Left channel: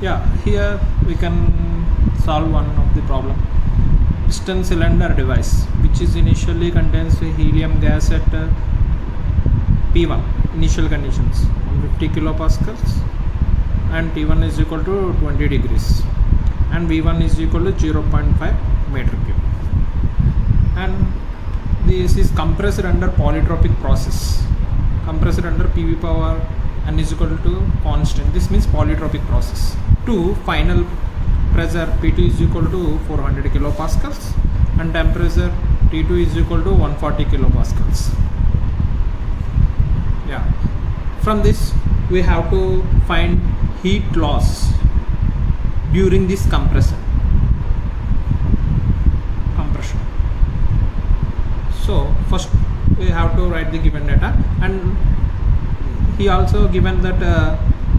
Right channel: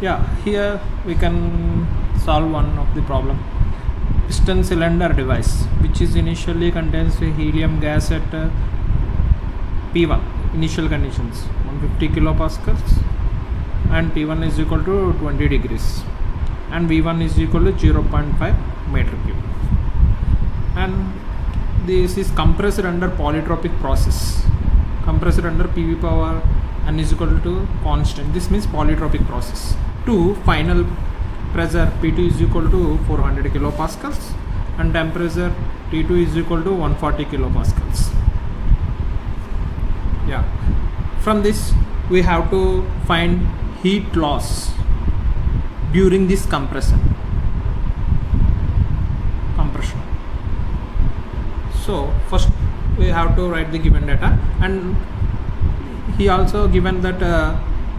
Yeah, here we can solve one of the problem. Piston cylinder device, which is initially contains helium gas at P1 initial conditions 150 kilopascals, and T1 is equal to 20 degrees, and V1 is equal to 0.5 meter cube, and this is compressed under polytropic process, compressed under PV power n is equal to constant. This means polytropic process. To final pressure P2 is equal to 400 kilopascals, and temperature T2 is equal to 140 kilopascals. Yeah, from this we have to find heat loss during this compression. So first we have to write the given data, and he also given that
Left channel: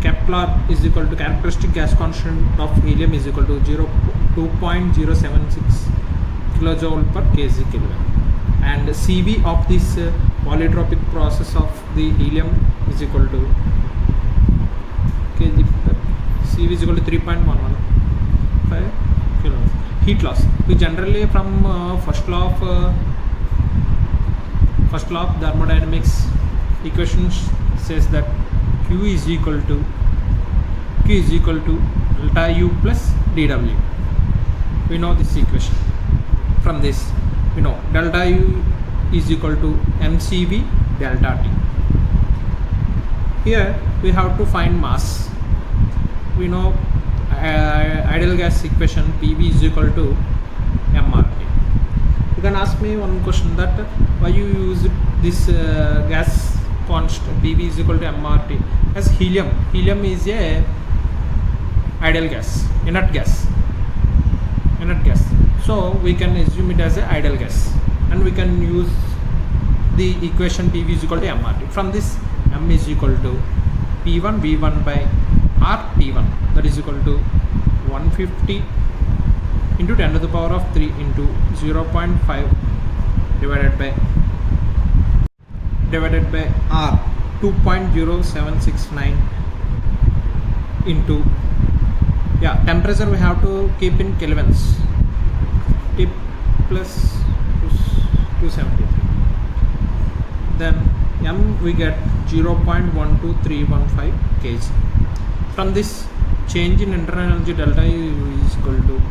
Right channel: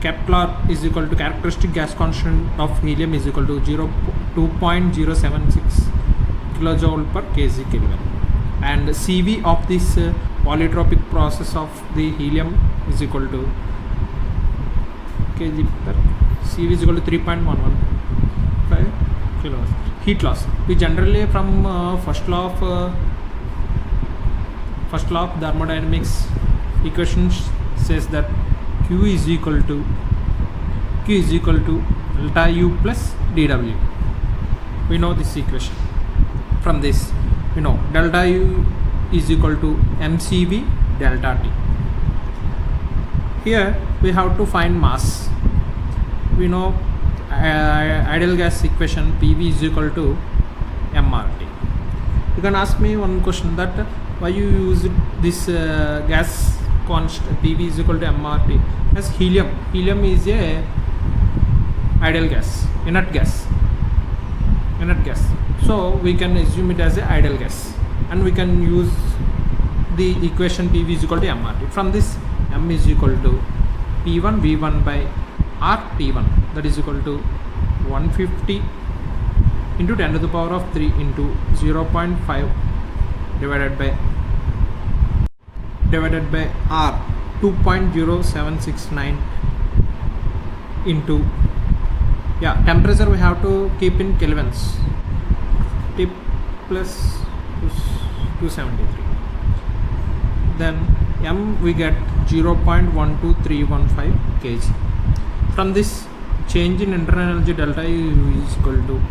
Kepler is equal to characteristic gas constant of helium is equal to 2.076 kilojoule per kg Kelvin, and CV of this polytropic process of the helium is equal to kg per CV is equal to 3.115 kilos. Heat loss, we generally from first law of thermodynamics equations says that Q is equal to delta U plus dW. We know this equation. From this we know delta U is equal to mCV delta T. Here we have to find mass. We know ideal gas equation PV is equal to mRT. You can ask me one question, that why you use this gas constant PV is equal to mRT as helium is a ideal gas, inert gas, so we can assume it as a ideal gas, and we can use the equation PV is equal to mRT. From this, m is equal to P1 V1 by R T1, that is equal to 150 into 10 to the power of 3 into 0.5 divided by R 2.0769 into, yeah, temperature we have to keep in kelvins, T plus 273. Then m we get 0.12315 kg. From this, change in internal energy delta U is equal to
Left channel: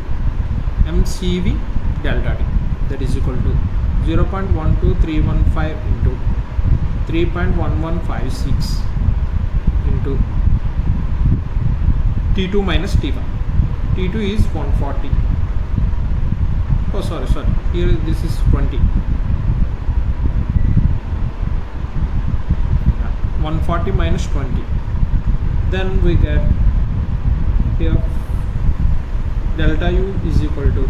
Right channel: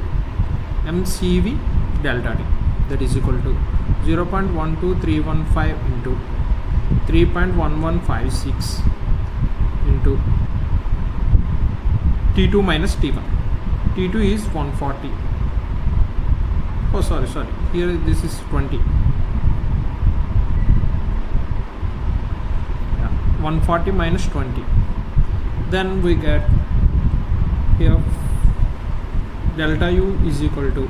mCV delta T, that is equal to 0.12315 into 3.1156 into T2 minus T1. T2 is 140. Oh, sorry. Here this is 20. Yeah, 140 minus 20. Then we get here delta U is equal to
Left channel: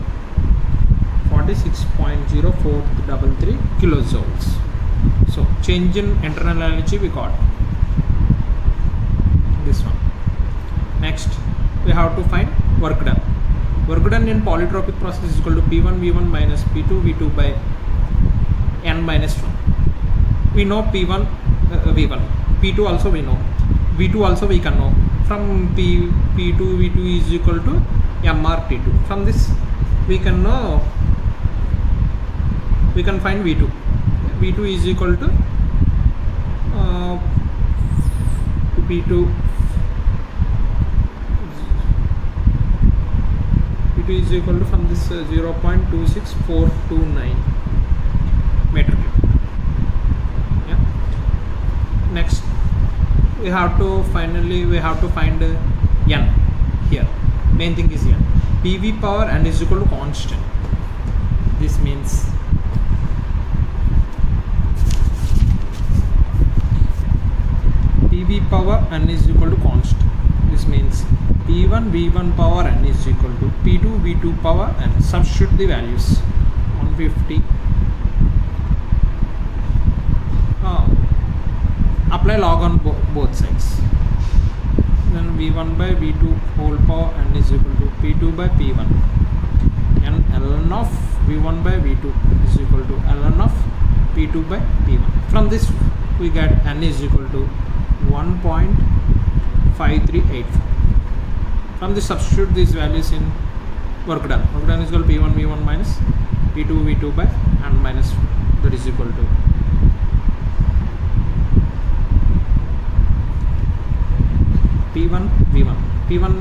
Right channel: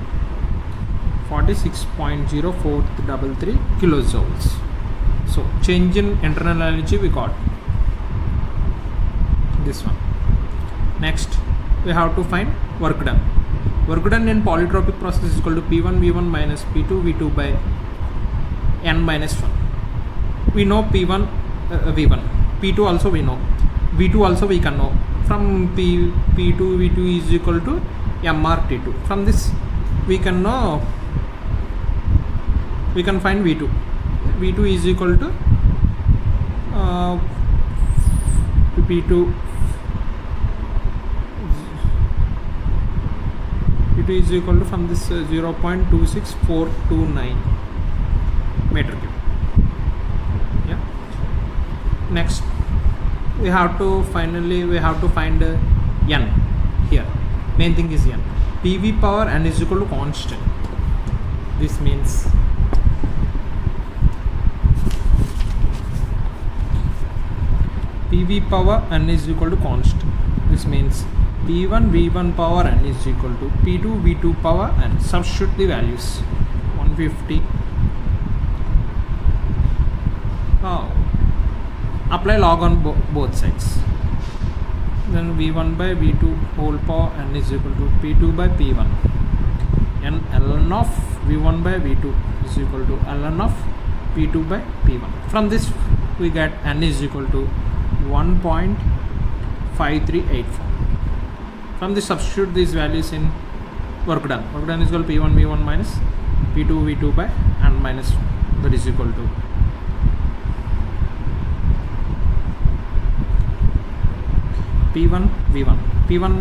46.0433 kilojoules. So change in internal energy we got this one. Next we have to find work done. Work done in polytropic process is equal to P1 V1 minus P2 V2 by n minus 1. We know P1 V1, P2 also we know, V2 also we can know. From P2 V2 is equal to mRT2. From this we can know, we can find V2. V2 is equal to P2 is equal to, from this 0.26429 meter cube. Yeah. Next we have to find n. Here main thing is n. PV power n is equal to constant. This means PV power n is equal to constant. This means P1 V1 power n is equal to P2 V2 power n. Substitute the values. 150. Apply log on both sides. Then V1 by V2 whole power n is equal to P2 by P1. And ln of V1 by V2 is equal to ln of P2 by P1. From this we get n is equal to 1.5384. From this, substitute these values in work done. Work done is equal to P1 V1 minus P2 V2 by and minus, that is equal to P1 V1. P1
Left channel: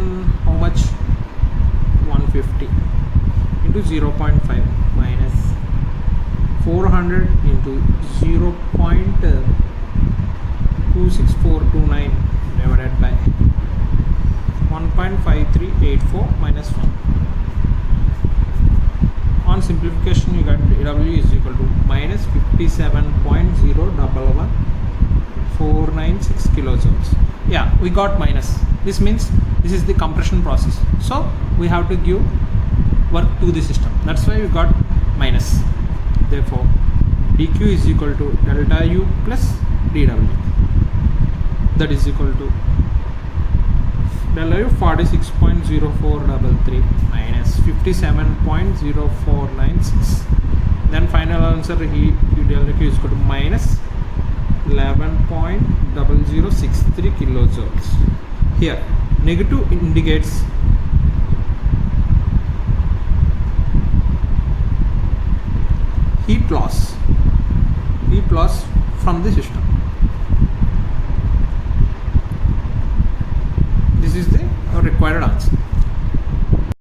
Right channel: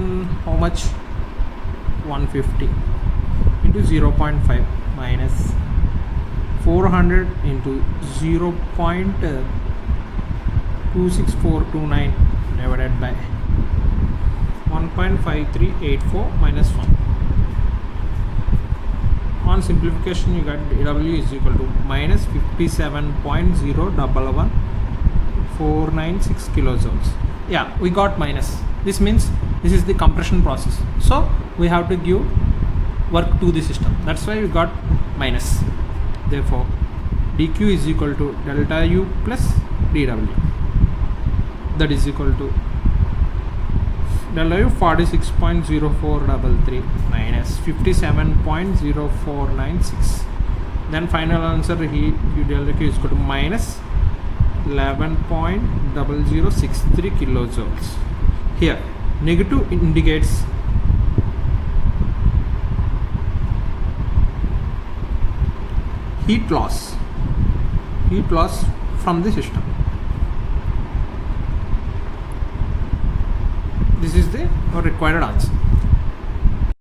how much? 150 into 0.5 minus 400 into 0.26429 divided by 1.5384 minus 1. On simplification, you got W is equal to minus 57.011496 kilojoules. Yeah, we got minus. This means this is the compression process. So we have to give work to the system. That's why we got minus. Therefore, dq is equal to delta U plus dW. That is equal to delta U 46.0433 minus 57.0496. Then final answer he delta Q is equal to minus 11.0063 kilojoules. Here negative indicates heat loss from the system. This is the required answer.